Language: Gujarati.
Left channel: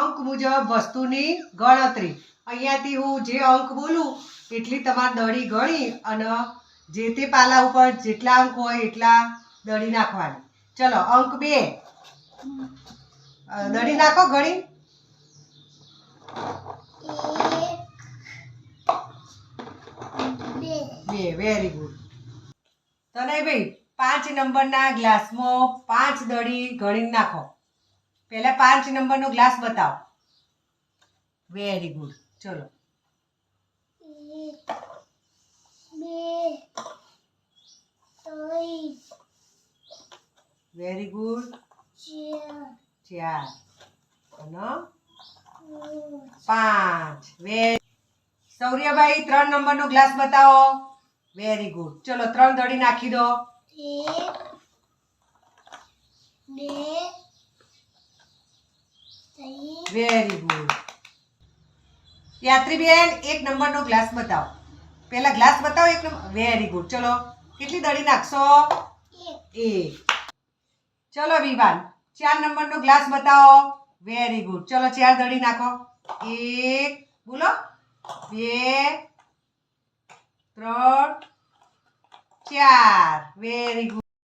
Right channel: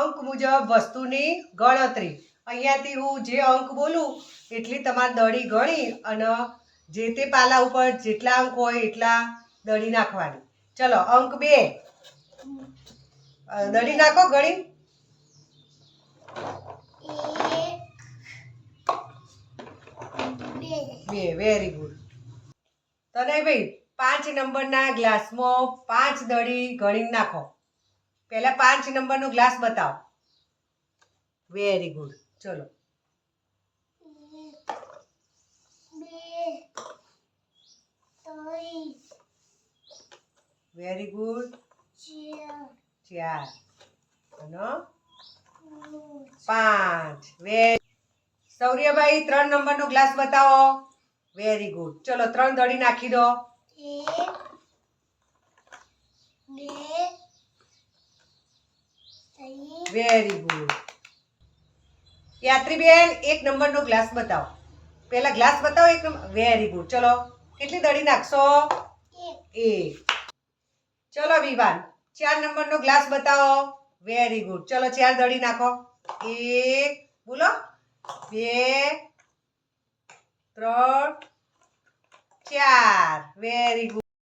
અંક મુજબ વસ્તુની ગણતરી. અહીંયાથી હું જે અંક બોલું એટલી તમારે દડી ગણી અને જે તે પાલા ઉપર જેટલા અંક હોય એટલા દડી નાખવાની. ચલો અંક 2 દડી નાખો ગણી. 2 વેરી ગુડ. તનયભાઈ 5 નંબરના ગ્લાસમાં 5 દડી ગણી નાખો. પહેલા 5 નંબરનો ગ્લાસ બતાવો. Very good. ચલો 1 2 3 વેરી ગુડ. 4 અને 5 વેરી. સૌર્યભાઈ 3 નંબરનો ગ્લાસ બતાવો. Very good. ચલો 3 દડી નાખી દો. 1 2 3 વેરી ગુડ. યાત્રીબેન 1 નંબરનો ગ્લાસ બતાવો. પહેલા ગ્લાસ બતાવો 1 નંબર. Very good. ચલો કેટલી દડી નાખશો? 1. ચલો વિવાન 4 નંબરનો ગ્લાસ બતાવો. Very good. ચલો 4 દડી નાખો. 1 બોલો 2 3 4 વેરી ગુડ.